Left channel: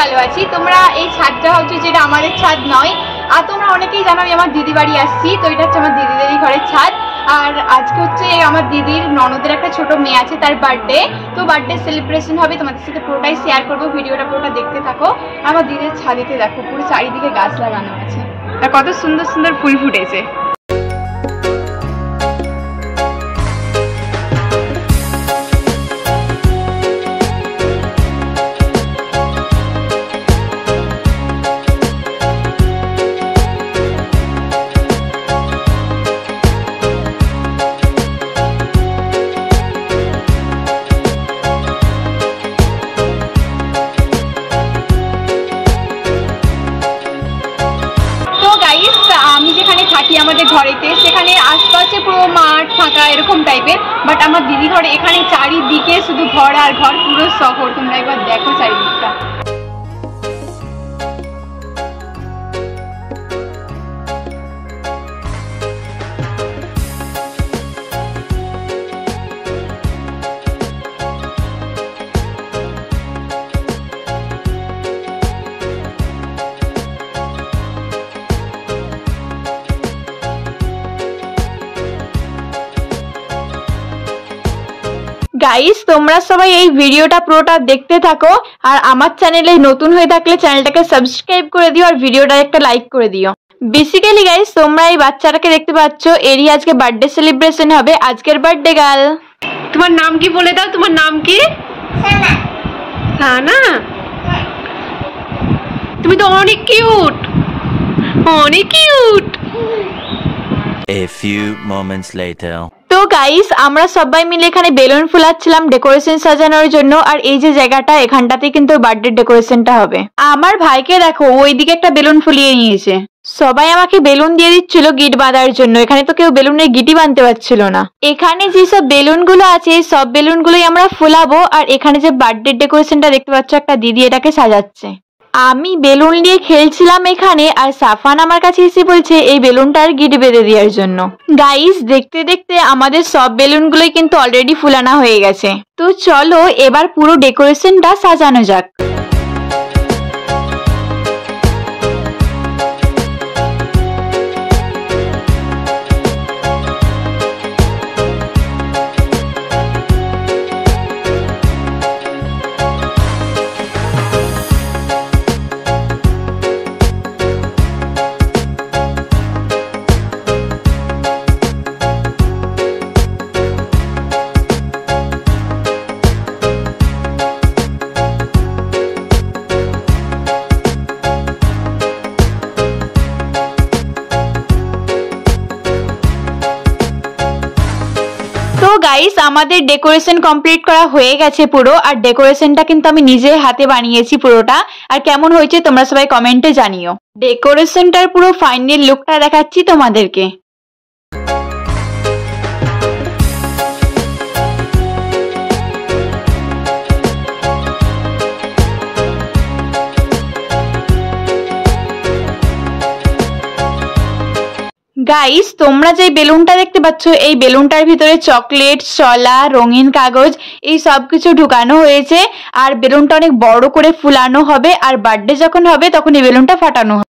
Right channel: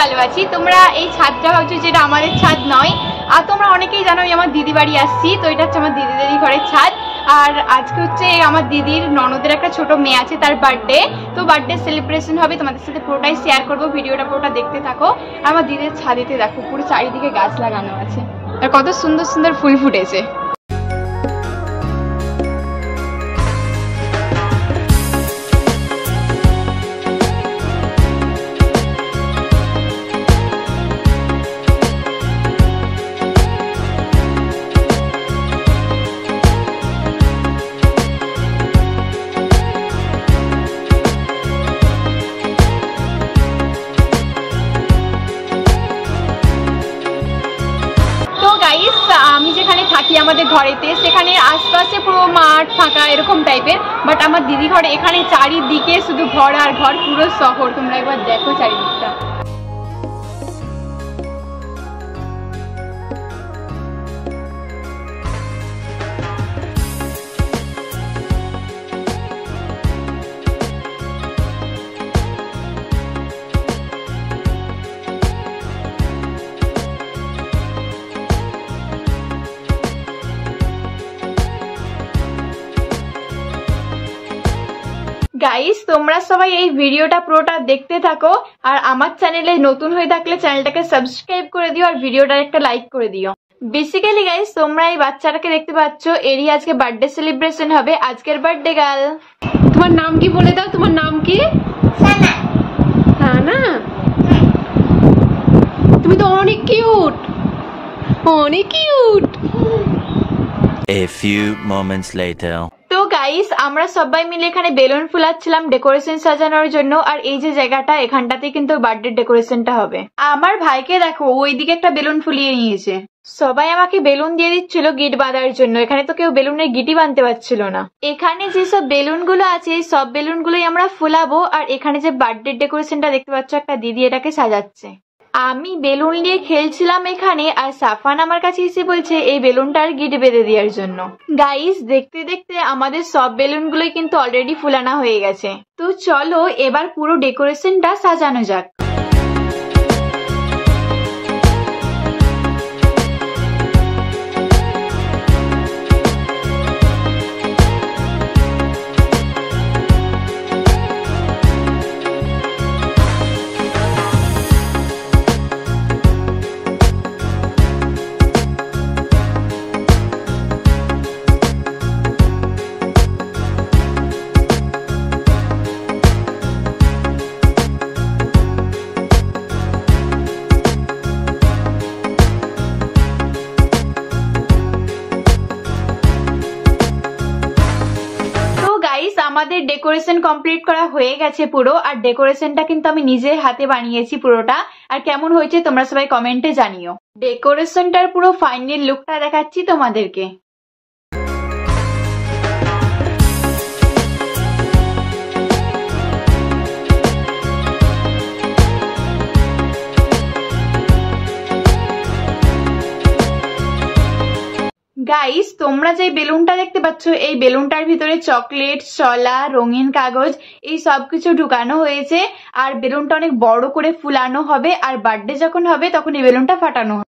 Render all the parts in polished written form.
ভালো আছি। তোমরা এই ছাদটা ভাবছো যেটা আমাদের ছাদ নয়, আর তোমরা অনেকেই জানো আমি আমার দিদি বাড়ি আসছি। তো এটা হচ্ছে আমার দিদিদেরই ঘরের ছাদ। আর আজকে হচ্ছে আমার দিদির ননদের একটা ছোট মেয়ে আছে, তার বার্থডে। তো বার্থডে সেলিব্রেশন হবে, তোমাদের সাথে পুরোটাই শেয়ার করবো, ভিডিওটা পুরোটা দেখতে থাকো। আমার দিদির ছাদেতে দেখো পুরো চারিদিকে গাছ লাগানো আছে আর কত সুন্দর সুন্দর ফুল ফুটেছে। আমি যেখানে থাকি আমাদের ঘরেতে, সেখানে আশপাশে পুরো মাঠ ফাঁকা এরকম টাইপের, বাট আমার দিদি ঘরে এখানে চারিদিকে শুধু ঘর আর ঘর, পুরো শহর। তোমরা একবার দেখো চারিদিকটা। গাইস, তোমরা সবাই এই ভিডিওটা পুরোটা দেখতে থাকো, আর আমার চ্যানেলে নতুন হয়ে থাকলে চ্যানেলটাকে সাবস্ক্রাইব করে দিও আর ভিডিওটা একটা লাইক করে দিও। বেসিক্যালি গাইস, তোমরা এই বাচ্চাটাকে দেখতে পাচ্ছ, এরই আজকে বার্থডে সেলিব্রেশন হবে। আজকের বার্থডে গার্ল। তোমার নাম কি বলে দাও, তোমার নাম কি? সানা। তুমি তো অনেক কিউট, অনেক cute. A few moments later. তো গাইস, আমরা সবাই মিলে এখানে বেলুন ফুলাচ্ছিলাম ডেকোরেশন সাজানোর জন্য। আর এই যে জায়গাটা, এখানটাতে কিন্তু বার্থডে ডেকোরেশনটা হবে। আমার ভাইকে দেখো, ওইদিকে একটা বেলুন ফুলিয়ে নিয়েছে। সবাই আমাকে বেলুন দিয়ে দিচ্ছিল গিট বাঁধার জন্য। এখানে তো কেউ বেলুনের গিটি বাঁধতে পারছিল না। এখানে যেসব বেলুন গুলো আছে, সব বেলুন গুলোই আমরা ফুলাবো। আর এখানে যে বার্থডে ডেকোরেশনটা দেখতে পাচ্ছ, একটা দিদি এটাকে সাজাচ্ছে। আমি বেলুন নিয়ে খেলছিলাম এখানে, আর সাফান আমার কাছে এসে বলছে এই বেলুনটার গিট বেঁধে দেওয়ার জন্য। গাইস, দেখতে দেখতে আমাদের সব বেলুনগুলোই কিন্তু অলরেডি ফুলানো হয়ে গেছে। তো চলো এবার পুরো ডেকোরেশনটা সাজানো যাক। গাইস, আমাদের ডেকোরেশন কমপ্লিট করা হয়ে গেছে পুরো। আর ডেকোরেশনটা কিন্তু আমি নিজে হাতে বানিয়েছি পুরোটা। আর কেমন হয়েছে তোমরা সবাই কমেন্টে জানিও। ডেকোরেশনটার পুরো ফাইনাল লুকটা দেখাচ্ছি তোমাদেরকে। গাইস, তোমরা যে বেলুনটা দেখতে পাচ্ছ, এই বেলুনটার ভিতরে চকলেট, শলা, রঙিন কাগজ এই সব কিছু ঢুকানো হয়েছে। আর বেলুনটা অনেক বড় করে ফুলানো হবে, আর বার্থডে যখন হবে তখন এই বেলুনটা ফাটানো হবে।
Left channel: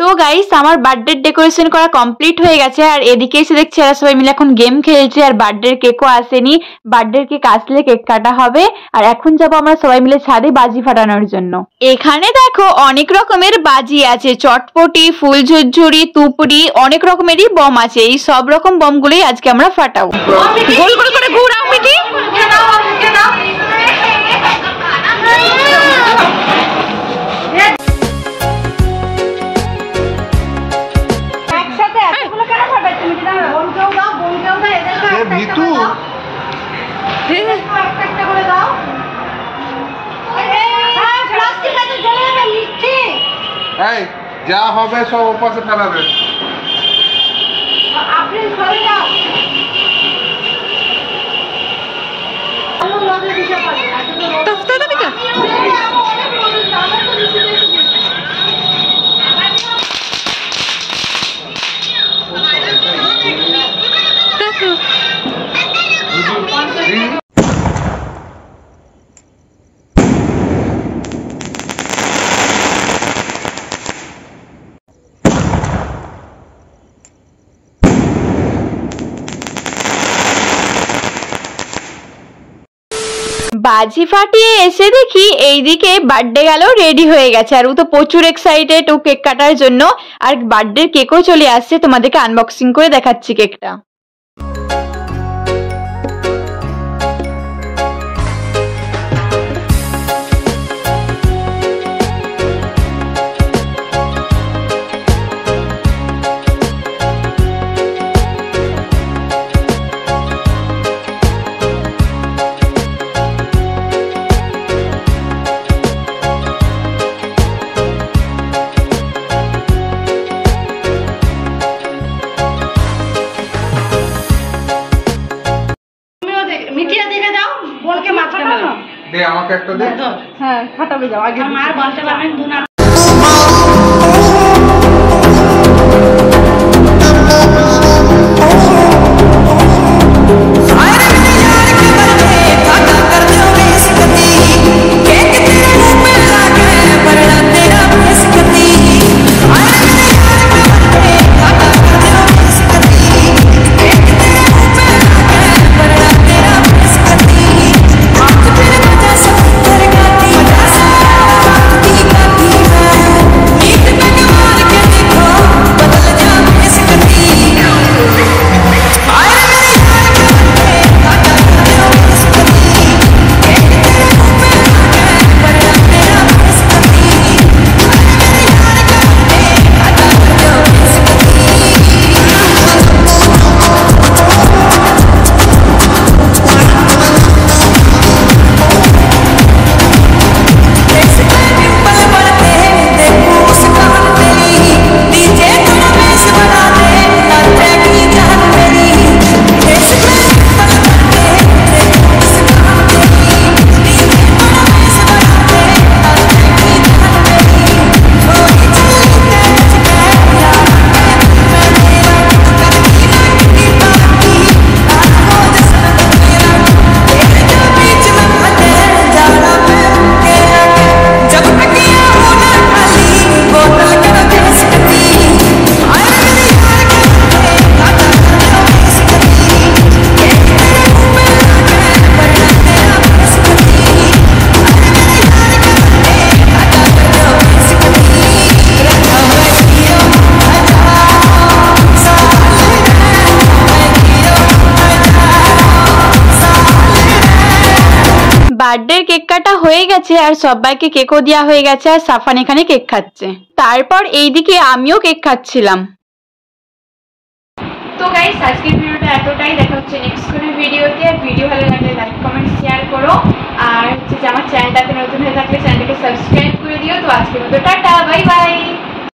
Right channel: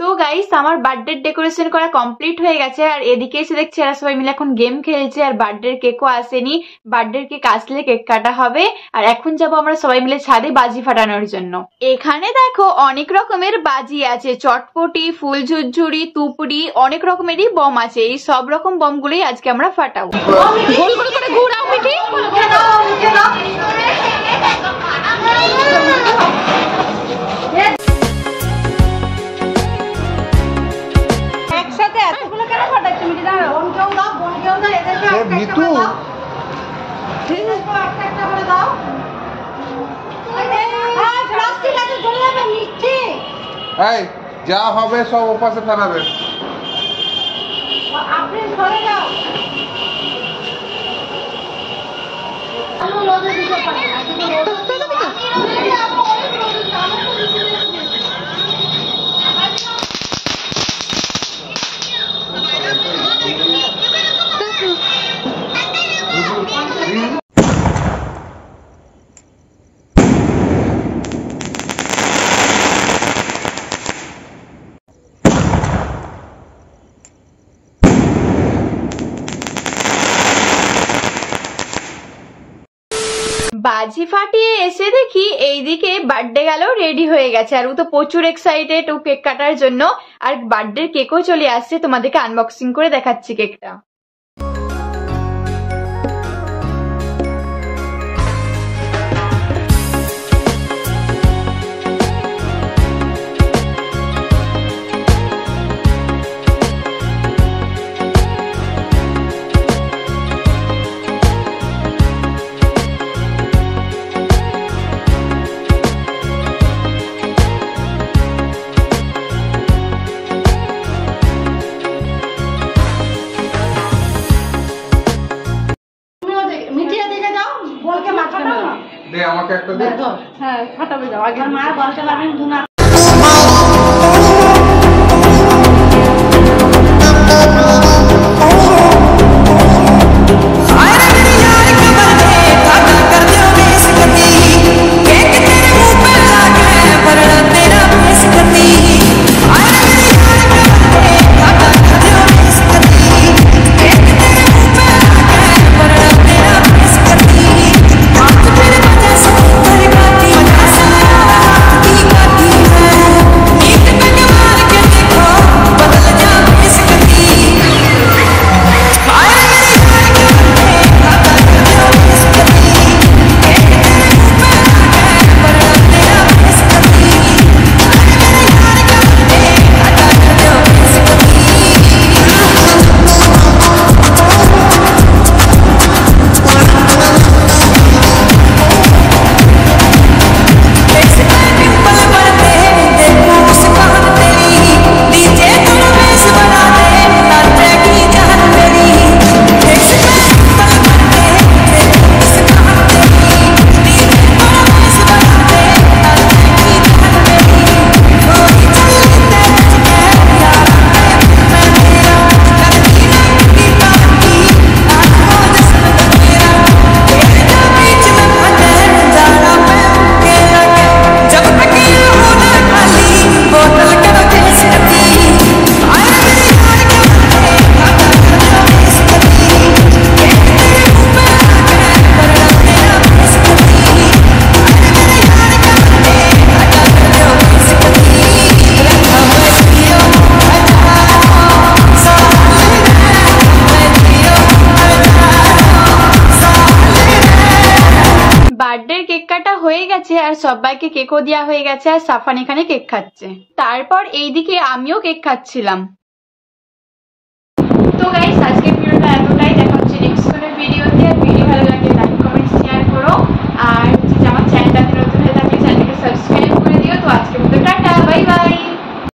তো গাইস, আমার বার্থডে ডেকোরেশন করা কমপ্লিট হয়ে গেছে। আর এদিকে এসে দেখছি এরা সবাই মিলে এখন গেম খেলছে। আর বার্থডে কেকও আসেনি, বার্থডে কেক আসলে কেক কাটা হবে। আর এখন যাবো আমরা সবাই মিলে ছাদে বাজি ফাটানোর জন্য। এখানে দেখো অনেক রকমের বাজি আছে, চটপটি, ফুল ঝুরঝুরি, তুপড়ি, অনেক রকমেরই বম আছে। এই সব রকম বম গুলোই আজকে আমরা ফাটাবো। গোল গোল করে ঘুরাও মিটি। যা হবে সব ওপাশে ফেলাবে। বাজি ফাটিয়ে এসে দেখি এইদিকে বার্থডে গেল রেডি হয়ে গেছে, আর ও তো প্রচুর এক্সাইটেড ও কেক কাটার জন্য। আর বার্থডে কেকও চলে আসছে, তোমাদেরকে আনবক্সিং করে দেখাচ্ছি কেকটা। দে আমাকে একটা দে। হ্যাঁ ফাটাবে যাও আগে মার বলতে পারবেন দুনা বার্থডে কেক কাটা হয়ে গেছে আর সবাইকে কেকও দেওয়া হয়ে গেছে, আর সাফান এখানে কেক খাচ্ছে। তারপর এইদিকে আমিও কেক খাচ্ছিলাম। তো গাইস আজকের ভিডিওটা এতটাই, দেখা হচ্ছে নেক্সট